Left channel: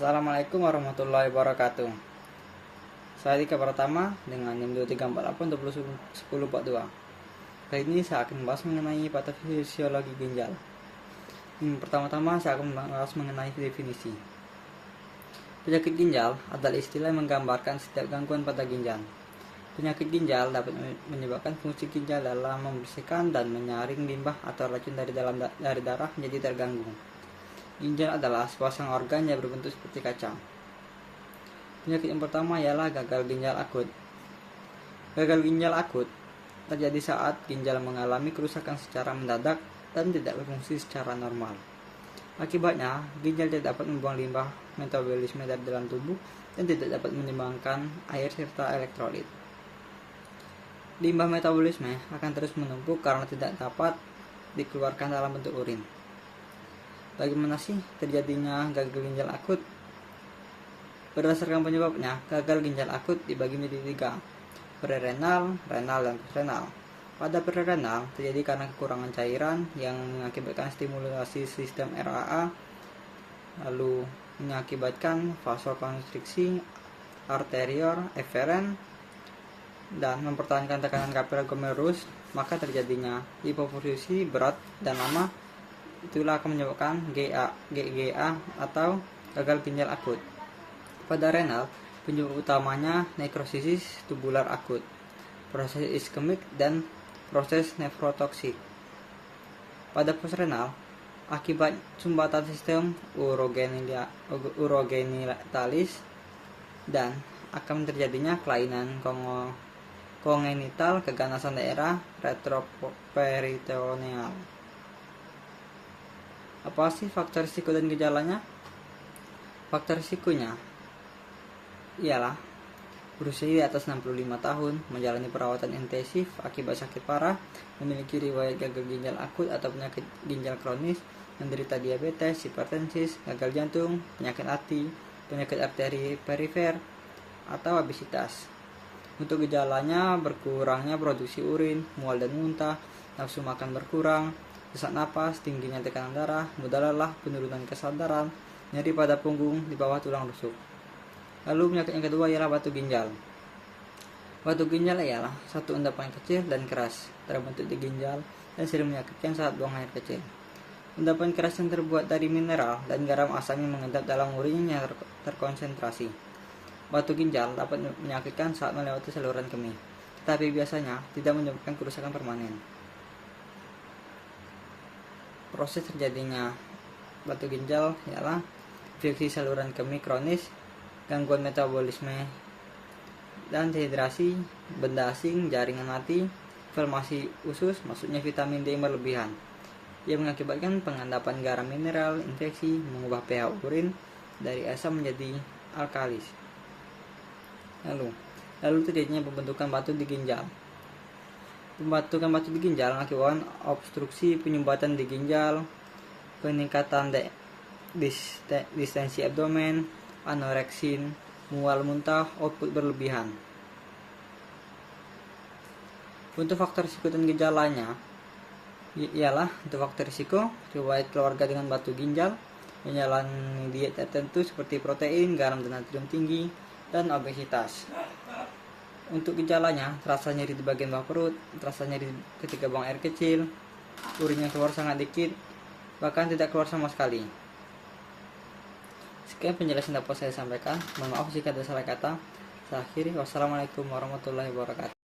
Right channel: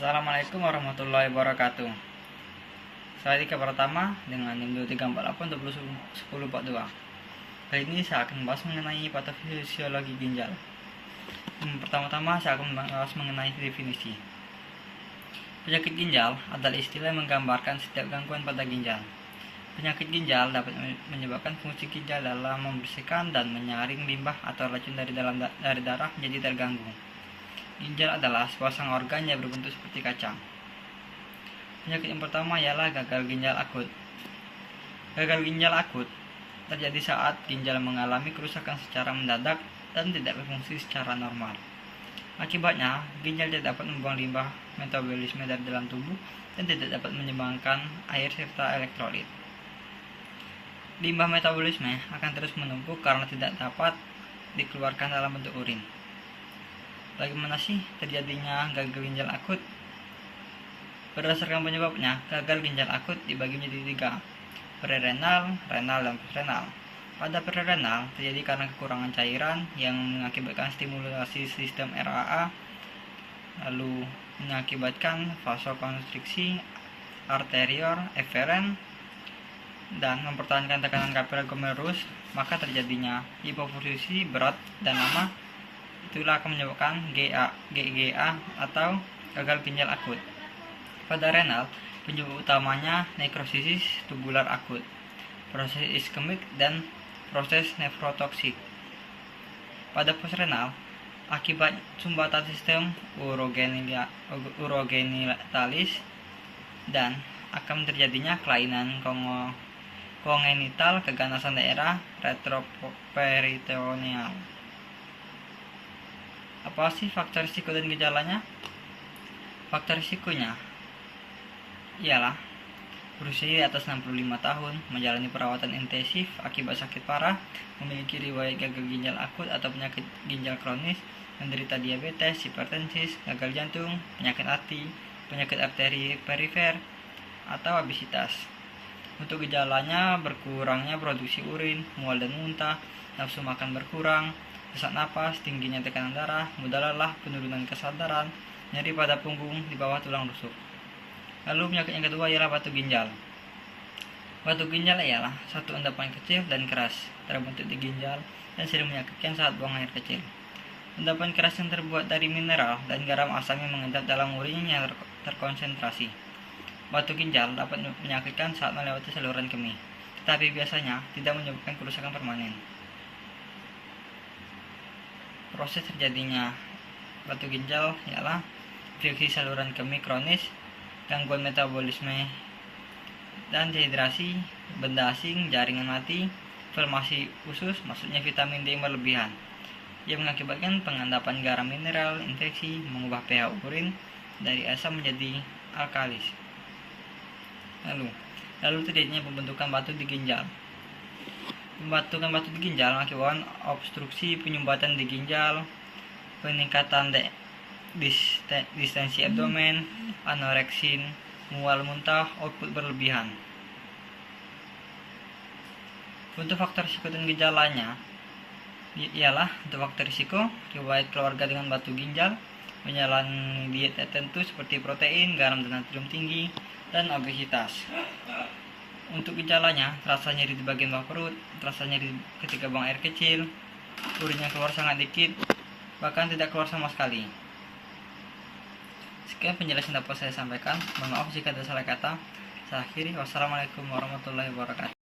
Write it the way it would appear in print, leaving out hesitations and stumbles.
Assalamualaikum warahmatullahi wabarakatuh. Saya Dika Pratama dengan NIM 2348 Kali ini saya akan membahas mengenai patofisiologi ginjal. Pertama-tama saya akan membahas mengenai definisi. Penyakit ginjal adalah istilah yang menggambarkan setiap gangguan pada ginjal. Penyakit ginjal dapat menyebabkan fungsi ginjal dalam membersihkan dan menyaring limbah atau racun dari darah menjadi terganggu. Ginjal adalah sepasang organ yang berbentuk seperti kacang. Penyakit yang pertama ialah gagal ginjal akut. Gagal ginjal akut terjadi saat ginjal mengalami kerusakan secara mendadak dan tidak berfungsi secara normal. Akibatnya, ginjal tidak dapat membuang limbah metabolisme dari dalam tubuh dan tidak dapat menyumbangkan air serta elektrolit. Limbah metabolisme akan terus menumpuk karena tidak dapat dikeluarkan dalam bentuk urin. Bagaimana sih terjadinya gagal ginjal akut? Berdasarkan penyebabnya, gagal ginjal akut dibagi menjadi 3, prerenal, renal, dan postrenal. Pada prerenal terjadi karena kekurangan cairan yang mengakibatkan stimulasi sistem RAA, lalu mengakibatkan vasokonstriksi arterior eferen dan mempertahankan tekanan kapiler glomerulus, maka terjadinya hipoperfusi berat dan lama. Itulah akan menyebabkan GGA atau gagal ginjal akut. Pada renal, penyebab utamanya nekrosis tubular akut, proses iskemik, dan proses nefrotoksik. Pada postrenal, akibat sumbatan sistem urogenitalis dan akan terjadinya kelainan kongenital keganasan daerah retroperitoneal. Apa sih faktor risiko dan gejalanya? Faktor risikonya ialah berusia di atas 65 tahun, menjalani perawatan intensif akibat sakit parah, memiliki riwayat gagal ginjal akut atau penyakit ginjal kronis, menderita diabetes, hipertensi, gagal jantung, penyakit hati, penyakit arteri perifer, atau obesitas. Untuk gejalanya, berkurangnya produksi urin, mual dan muntah, nafsu makan berkurang, sesak napas, tingginya tekanan darah, mudah lelah, penurunan kesadaran, nyeri pada punggung di bawah tulang rusuk. Lalu penyakit yang kedua ialah batu ginjal. Batu ginjal ialah satu endapan kecil dan keras, terbentuk di ginjal dan sering menyakitkan saat buang air kecil. Endapan keras yang terbuat dari mineral dan garam asam yang mengendap dalam urin yang terkonsentrasi. Batu ginjal dapat menyakitkan saat melewati saluran kemih, tetapi biasanya tidak menyebabkan kerusakan permanen. Proses terjadinya batu ginjal ialah infeksi saluran kemih kronis, gangguan metabolisme dan dehidrasi, benda asing, jaringan mati, inflamasi usus, maksudnya vitamin D yang berlebihan, yang mengakibatkan pengendapan garam mineral, infeksi, mengubah pH urin dari asam menjadi alkalis. Lalu terjadinya pembentukan batu di ginjal. Pembentukan batu di ginjal mengakibatkan obstruksi penyumbatan di ginjal, peningkatan distensi abdomen, anoreksin, mual muntah, output berlebihan. Untuk faktor risiko dan gejalanya ialah untuk faktor risiko, riwayat keluarga dengan batu ginjal, menjalani diet tertentu seperti protein, garam dan natrium tinggi, dan obesitas. Untuk gejalanya, terasa nyeri di bagian bawah perut, terasa nyeri ketika buang air kecil, urinnya keluar sangat dikit, bahkan tidak keluar sama sekali. Sekian penjelasan dapat saya sampaikan. Mohon maaf jika ada salah kata. Saya akhiri. Wassalamualaikum warahmatullahi wabarakatuh.